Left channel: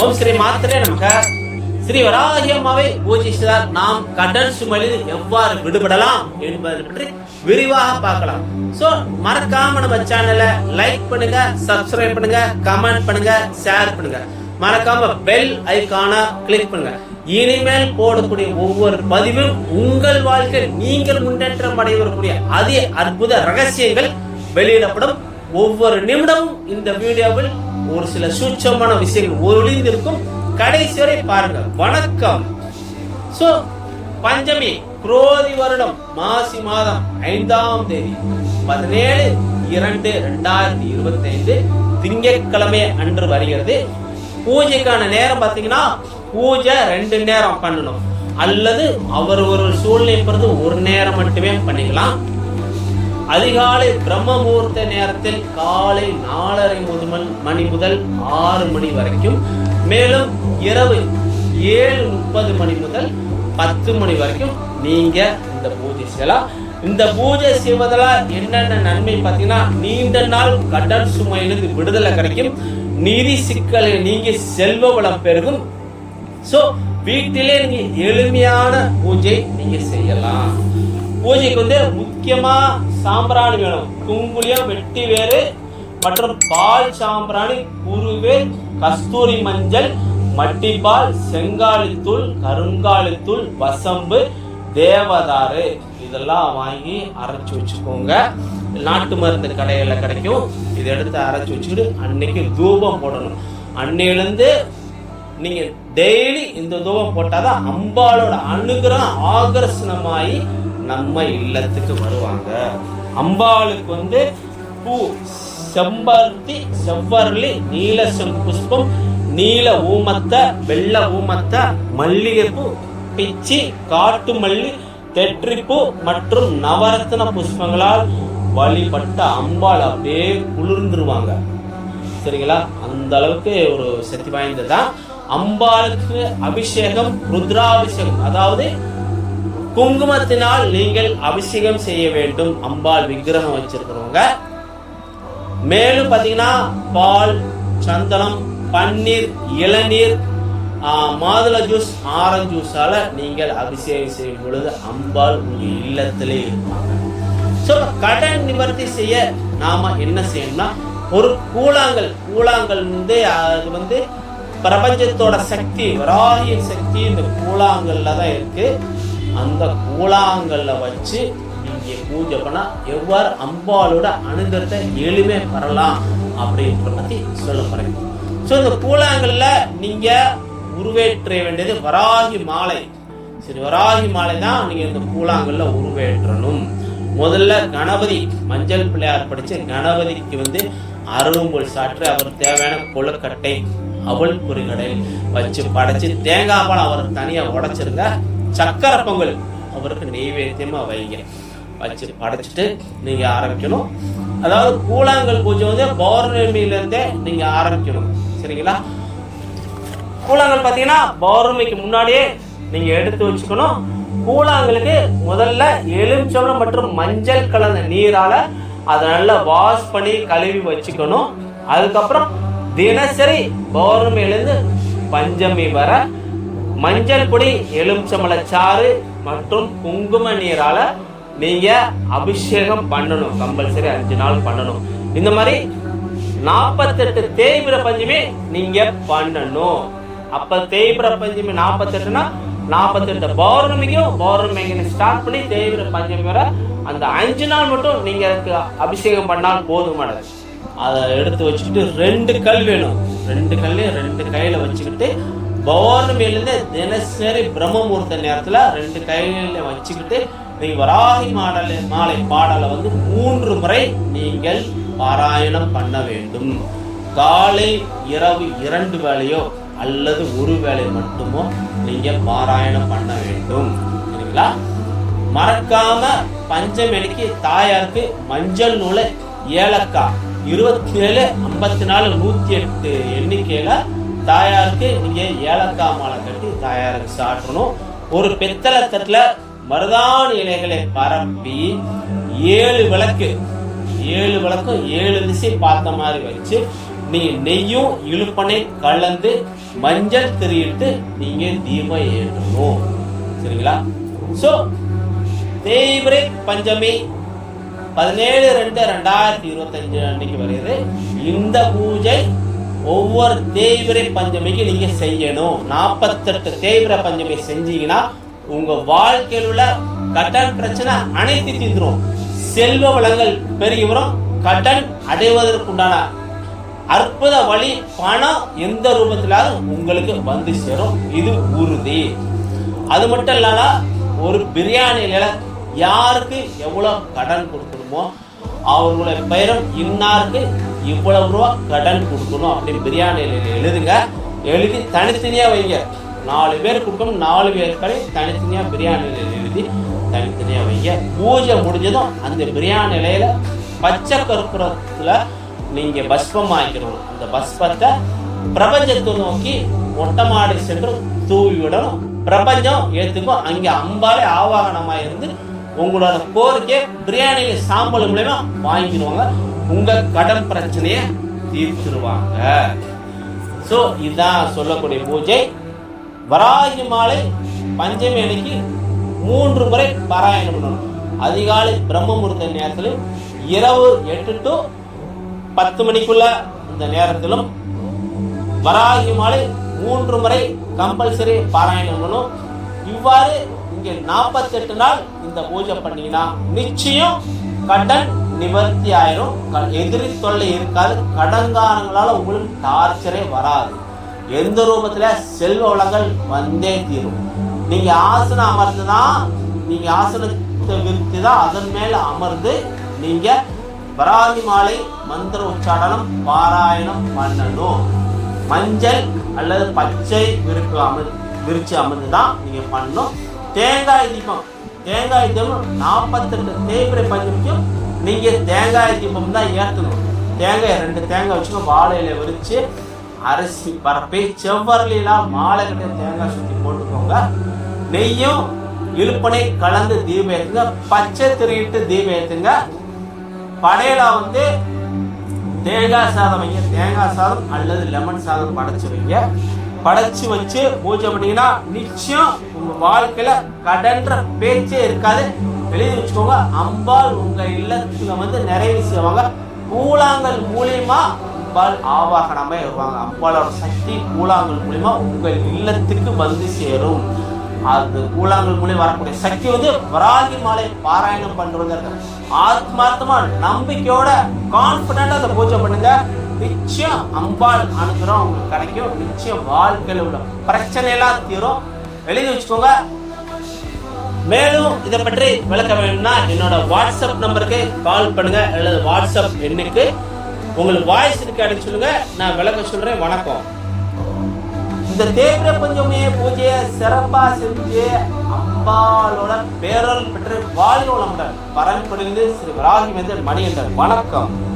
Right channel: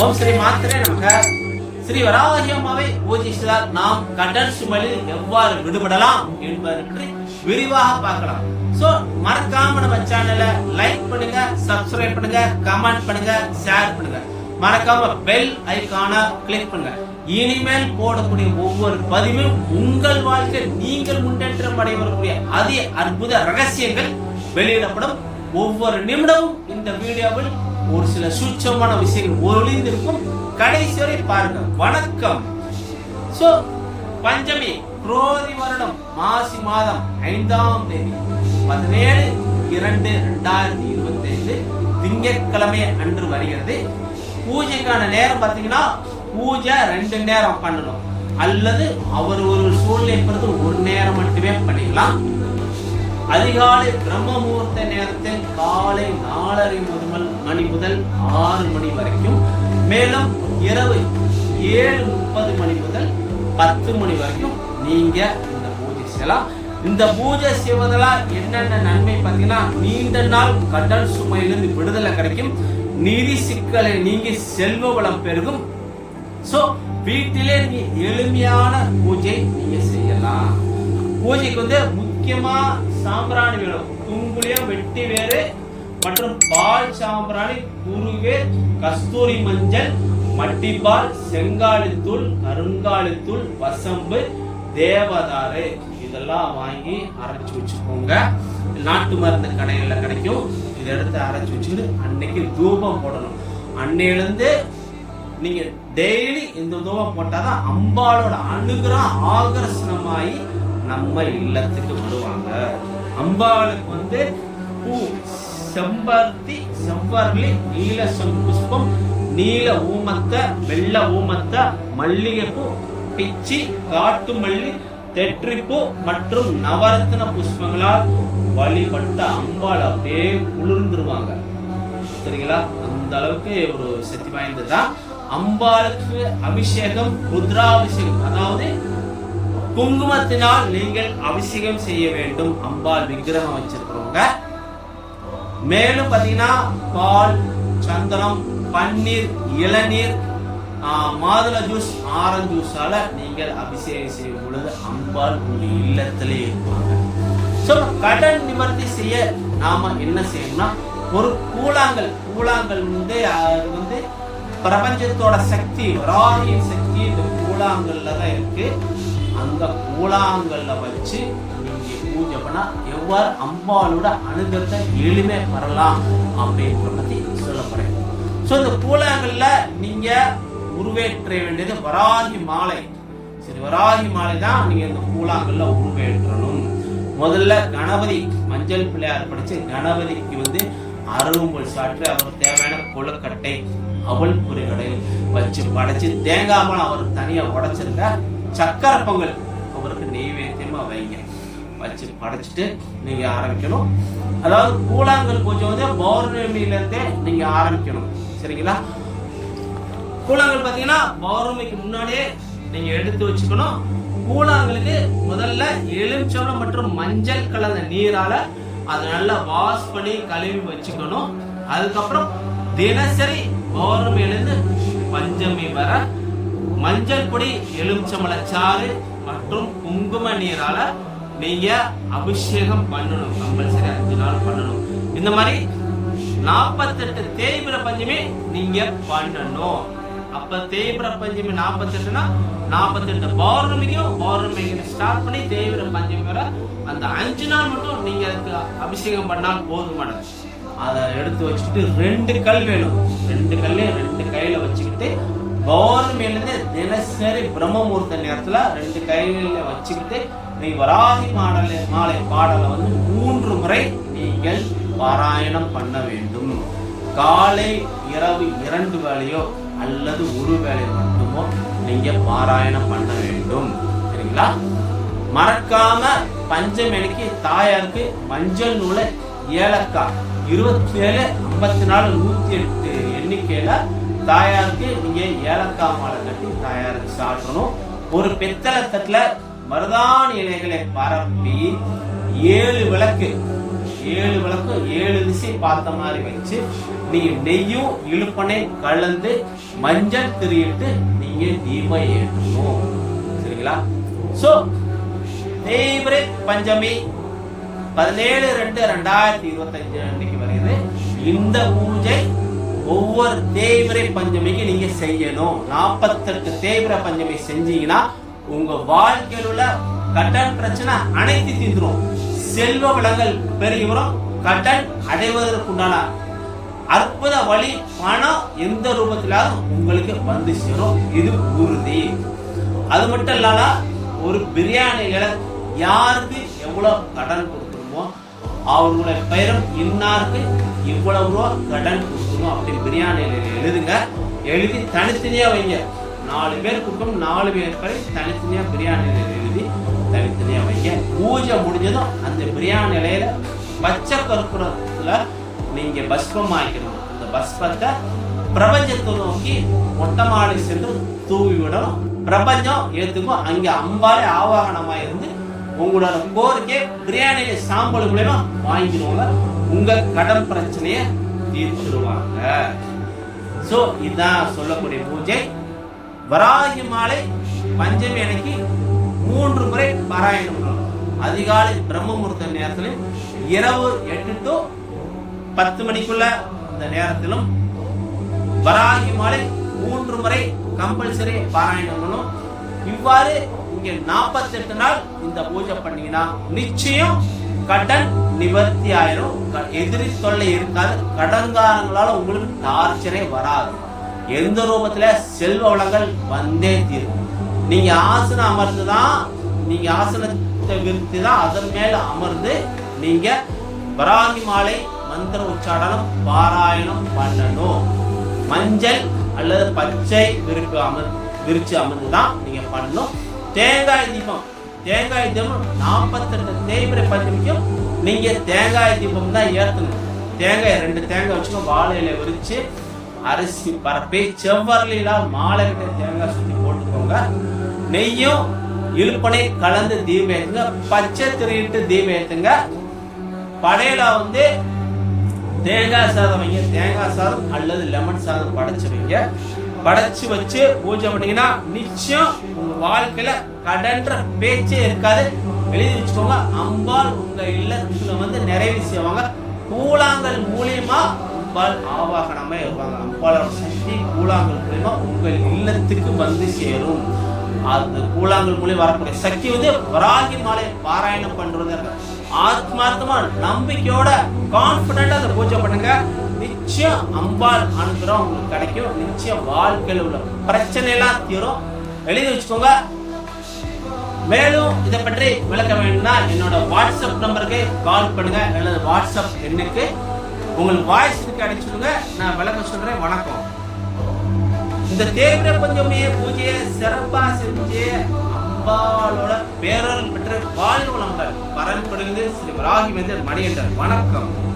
ஓம் ஸ்ரீ மாத்திரே நமக. ஸ்ரீ வராகி அம்மாவை பூஜித்தால் நாம் கடல் சுமையில் எவ்வாறு விடுபடலாம் என்பது பற்றி விரிவாக பார்க்கலாம். சோ மறக்காம நம்ம சேனலை லைக் பண்ணுங்க சப்ஸ்கிரைப் பண்ணுங்க கமெண்ட் பண்ணுங்க ஷேர் பண்ணுங்க. மறக்காம பெல் ஐக்கான கிளிக் பண்ணுங்க. இனிமேல் போடக்கூடிய ஒவ்வொரு பதிவும் உங்கள் வாழ்க்கை நீங்கள் முன்னேற்றம் அடைவக்கூடிய அதிக அற்புத ரகசியங்கள் வெளியிடப்படும். ஒவ்வொரு நிமிடமும் இந்த வீடியோவில் ஒரு சில சூட்சமான விஷயங்கள் ஒளிந்திருக்கும். கடைசி வரை பாருங்கள். வணக்கம். சோ பஞ்சமி குரோதி வருடம் மாசி மாதம் ஐந்தாம் தேதி பதினேழு இரண்டு ரெண்டாயிரத்தி இருபத்தி ஐந்து திங்கட்கிழமை அன்று வருகிறது. பூஜைக்கான நேரம் பார்த்தீங்கன்னா பூஜை ரெண்டு நேரம் பண்ணணும். அல்லது அவர் ஒரு சூழ்நிலை பொறுத்து ஒரு நேரம் மட்டுமே பண்ணிக்கலாம். அதிகாலை பிரம்ம முகூர்த்த நேரத்தில் காலை நாலரை முதல் மணி முதல் ஆறு மணி வரைக்கும் மேலும் இரவு ஏழு முப்பது மணி முதல் பத்து மணி வரைக்கும் நீங்க இந்த பூஜை செய்யலாம். இந்த பூஜை செய்வதால் என்னென்ன நன்மை பார்த்தீங்கன்னா நீண்ட நாள் கடல் சுமையிலிருந்து விடுதலை கிடைக்கும். நிதி சிக்கலை நீங்கி செல்வ வளம் பெருகும். ஸோ வீட்டிலே நீங்க எளிமையான பூஜை நீங்க செய்யலாம். பூஜைக்கு வந்து முக்கியமா சாம்பிராணி வேணும். குங்குளியம் வெட்டி வேறு மற்றும் பால் சாம்பிராணி குருவேல் கஸ்தூரி மஞ்சள் மட்டிப்பால் செங்காலித்தூள் கருங்காலித்தூள் வசம்பு தேவதாரு இதெல்லாம் வாங்கி அரைச்சி வச்சுக்கோங்க. நாட்டு மருந்து கடைகளில் கிடைக்கும். இதை எடுத்து அரைச்சி வச்சுக்கிட்டு அன்னைக்கு தூபம் போடணும். அன்னையிலேருந்து நீங்கள் டெய்லி இந்த தூபம் போட்டாதான் அம்பாலோட அனுகிரகம் ஆகர்ஷணமாகி நம்ம இல்லத்துக்கு வருவாங்க. அம்பாளுக்கு வந்து பூ செம்பருத்தி செவ்வரளி நீல செம்புஷ்பம் நீல ஊமத்தை வெள்ளை ஊமத்தை மல்லிகைப்பூ பிச்சி காட்டு மல்லி தெற்றிப்பூ மற்றும் நவரத்ன புஷ்பங்களால் வழிபட்ட அம்பாள் அப்படியே குளிர்ந்துருவாங்க. சரிங்களா? அந்த அளவுக்கு ஒரு சக்தி வாய்ந்ததுதான். அம்பாளுக்கு அபிஷேகம் ருத்ராபிஷேகம் அதாவது குங்குமத்தினால் நீங்கள் அபிஷேகம் செய்ய வேண்டும். அம்பாள் விக்கிரகம் வச்சிருக்கிறவங்க. மேலும் பார்த்தீங்கன்னா பால் சந்தனம் பன்னீர் இளநீர் மாதுளை ஜூஸ் ஆரஞ்சு ஜூஸால நீங்கள் அபிஷேகம் செய்யும் பொழுது அம்பாள் உங்க இல்லத்திலே இருப்பாங்க. ஸோ கடன் நிவர்த்தி செய்ய நாம என்ன செய்யணும்னா ஒரு கூழாங்கல் கூழாங்கல் வந்து அது வந்து பிரபஞ்சத்தோட சக்தி வராகியின் சக்தி இந்த கூழாங்கல்ல தான் இருக்கு. அந்த கூழாங்கல்ல வச்சு நீங்க பூஜை பண்ணா எவ்வாறு அம்பாளோட அனுகிரகத்தை எளிமை பெறலாம் அப்படின்ற பத்தி சொல்ல போகிறேன் ஸோ இந்த கூழாங்கல்ல நீங்க உருவேற்ற வேண்டியது வராகி மாலை. சரி வராகி மாலை தான் நீங்க இந்த கூழாங்கல்ல உருவேற்றணும். முதல்ல கணபதி மஞ்சள் பிள்ளையார் படிச்சு கணபதிக்கு வந்து அரும்புல் சாற்று அவர் தேவையான கொழுக்கட்டை அவள் பொறிகடை வச்சு படைச்சு தேங்காய் பழம் அவர் தனியா உடைச்சிருங்க சக்கரை பொங்கல். அவருக்கு நெய்வேத்தியமா வைங்க. வச்சு படைச்சிட்டு நீங்க ஆரம்பிக்கணும். அதாவது கூழாங்கல் பூஜை வந்து பௌர்ணமியில இருந்தே நீங்க ஆரம்பிக்கணும். சரிங்களா? கூழாங்கல் பார்த்தீங்கன்னா பௌர்ணமிக்கு முன்னாடியே நீங்க எடுத்து வச்சுக்கணும். கூழாங்கலுக்கு முதல்ல எலுமிச்சம்பழம் மற்றும் மஞ்சள் கலந்த நீரால அதை நல்லா வாஷ் பண்ணி கழுவி வச்சுக்கணும். அதுக்கப்புறம் தினசரி பௌர்ணமியிலிருந்து பஞ்சமி வர மஞ்சள் பொடி எலுமிச்சம்பழச்சாறு மற்றும் குங்கும நீரால நீங்க அபிஷேகம் பண்ணணும். கம்பல்சரி அஞ்சு நாள் பண்ணணும். இந்த மாதிரி நாற்பத்தெட்டு தேய்பிர பஞ்சமி நீங்க பண்ணணும். அப்ப தேய்பிர பஞ்சமி நாற்பத்தெட்டுனா நாற்பத்தெட்டு பௌர்ணமிக்கும் பௌர்ணமி ஸ்டார்ட் பண்ணி தேய்பிர பஞ்சமி வர அந்த அஞ்சு நாள் மட்டும் நீங்க அதுக்கு அபிஷேகம் பண்ணால் போதுமானது அதை எடுத்து வச்சுக்கிட்டு ரெண்டு கல் வேணும். ரெண்டு கல்லையும் ரெண்டு கையில வச்சுக்கிட்டு பௌர்ணமியிலேருந்து தினசரி பிரம்ம நேரத்தில் ரெண்டு கையில வச்சுக்கிட்டு நீ வராகி மாடல மாலை பாடலை வந்து மூன்று முறை நீங்கள் பாராயணம் பண்ண வேண்டும். காலை இரவு இரண்டு வேலையோ அல்லது ஒரு வேலை மட்டுமோ நீங்கள் பாராயணம் பண்ண வேண்டும். சரிங்களா? மறக்காம பஞ்சமணிக்கு தாயாருக்கு மஞ்சள் நூலை ஏலக்காய் இருபத்தி ஏழு ஐம்பத்தி நாலு நூற்றி எட்டு எண்ணிக்கையில் தாயாருக்கு நீங்கள் ஏலக்காய் மாலை கட்டி தாயாருக்கு சாட்டணும் ஒரு பித்தளை தட்டில் மருதாணி இலைகளை பரப்பி ஏழு விளக்கு ஏழு விளக்கும் ஏழு திசை பார்த்த மாதிரி வச்சு நீங்க நெய்யும் இழுப்பனை கலந்து மஞ்சள் திரியிட்டு நீங்க தீபம் ஏற்றணும். சரிங்களா? சோ தேய்பிரை பஞ்சமி பதினேழு ரெண்டு ரெண்டாயிரத்தி இருபத்தஞ்சு அன்னைக்கு வருகிறது. இந்த பூஜை ஒவ்வொரு தேய்பிரை பஞ்சமிக்கு நீங்க செய்யணும். நாற்பத்தெட்டு தேய்பிரை பஞ்சமி செஞ்சீங்கன்னா உங்க வாழ்க்கையில் உள்ள கடன் பிரச்சனை அனைத்து தீர்ந்துரும். செல்வ வளங்கள் பெருகி வரும். கடன் அடைவதற்குண்டான அற்புத வழி பணம் எந்த ரூபத்திலாவது உங்களுக்கு வந்து சேரும். இது உறுதி. அது மட்டும் இல்லாத ஒரு பிரியாணியில யாருக்கு எவ்வளவு கடன் இருக்குமோ அவர்களுடைய பெயரும் இன்னாருக்கு இவ்வளவு ரூபா கடன் கொடுக்கணும் அப்படின்னு பிரியாணியில் எழுதுங்க. எழுதி தனித்தனியாக வைங்க. நாலு பேர் கொடுக்கணும் நாலு பேர் தனித்தனியாக பிரியாணியில் எழுதி தனித்தனியாக வைங்க. பூஜை முடிஞ்சதும் அந்த பிரியாணி இலையில பச்சை கற்பூரத்துல நீங்கள் பஸ்பம் ஆக்கிடணும் இந்த பஸ்பத்தை பிரபஞ்சத்தை நோக்கி ஒட்டமாடி சென்று தூவி விடணும். பிரபஞ்சம் ஏற்றுக்கும் அங்கே அம்பாலே ஆவாகனமாக இருந்து உங்களோட கோரிக்கை பிரியாணியில சாம்பல் மூலயமா வாங்கிடுவாங்க. உங்க கடன் பிரச்சனைய தீர்த்துருவாங்க. சோ இதுதான் சொல்லக்கூடிய பூஜை. வராகி மாலை பஞ்சமி அன்னைக்கு மூன்று முறை பாராயணம் பண்ணணும். அதிகாலை பிரம்ம முகூர்த்த நேரத்தில் இரவு எட்டு டு பத்து மணிக்குள்ள இந்த நேரத்திலும் வராகி மாலை மூன்று முறை கம்பல்சரி பாராயணம் பண்ணணும். இவ்வாறு இங்க 48 நாள் இந்த பூஜை பண்ணீங்கன்னா நிச்சயம் கடன் நிவர்த்தி ஆயிரும். க- எதிரி தொல்லை இருக்காது. கடன்காரங்களால உங்களுக்கு டார்ச்சரே வராது. எந்த ரூபத்துல? செல்வ வளங்கள் வந்தே தீரும். நீங்க ஆசனம் அமர்ந்துதான் நீங்க ஆசனத்தை விரித்து தான் அதன் மேல அமர்ந்து நீங்க வராகி மாலை மந்திர உச்சாடனம் பாராயணம் பண்ணணும். மஞ்சள் அல்லது பச்சை விரிப்பு அமர் விரிச்சு அமர்ந்து தான் நீங்க பண்ணணும். தேங்காய் தீபம். தேங்காய் தீபம் நாற்பத்தெட்டு தேய்பிரை வரைக்கும் நீங்கள் தேங்காய் தீபம் தான் ஏற்றணும் தேங்காய் ரெண்டு தேங்காய் வச்சுங்க வாழையில விரிச்சு அரிசி பரப்பி செவ்வரலாம் மாலை கட்ட தேங்காய் சுற்றி போட்டுக்கோங்க. நெய்யும் இழுப்பனை கலந்து தீபம் ஏற்றுங்க பச்சை திரியிட்டு தீபம் ஏற்றுங்க படையில வந்து தேங்காய் சாதம் வைங்க. தேங்காய் சாதம் அல்லது லெமன் சாதம் படைச்சு வைங்க. படைச்சு வச்சு பூஜை பண்ணீங்கன்னா நிச்சயம் உங்க வாழ்க்கையில கடன்ற பேச்சே இருக்காது. எழுதி வச்சுக்கோங்க அம்பாள் உங்க இல்லத்துல வந்து நிறைவு செய்வாங்க. கூழாங்கல் மூலியமா அம்பாள் ஆவாகனமே வருவாங்க அம்பாளோட சக்தி கூழாங்கல் மூலியமா உங்கள் இல்லத்துக்கு வந்து சேரும். அது கூழாங்கல் மூலியம் வரக்கூடிய சக்தி வந்து வராகி மாலை பாராயணம் பண்றது ஆத்மார்த்தமா நம்பிக்கையோட கான்பிடண்டா அந்த பூஜை பண்ணுங்க. நிச்சயம் அம்பாள் அனுகிறம் உங்களுக்கு கிடைக்கும். நிச்சயம் வாழ்க்கையில் உள்ள பிரச்சனை எல்லாம் தீரும். எழுதி வச்சுக்கோங்க. மேலும் இதை பற்றி விளக்க வேணும்னா என்னோட வாட்ஸ்அப் நம்பருக்கு கால் பண்ணுங்க அல்லது வாட்ஸ்அப் எண்ணுக்கு. உங்களுக்கு வாய்ஸ் இருக்கு அப்படின்னு சொல்லுங்க. நான் விளக்க சொல்றேன். வணக்கம். இந்த தேவிர பஞ்சமே பூஜையை சிறப்பா செஞ்சு அம்பாளோட பேரல் பெற்று வாழ்வு நம்பர் பரன் ஸ்ரீ வராகி வந்து மணியண்டர் வணக்கம்.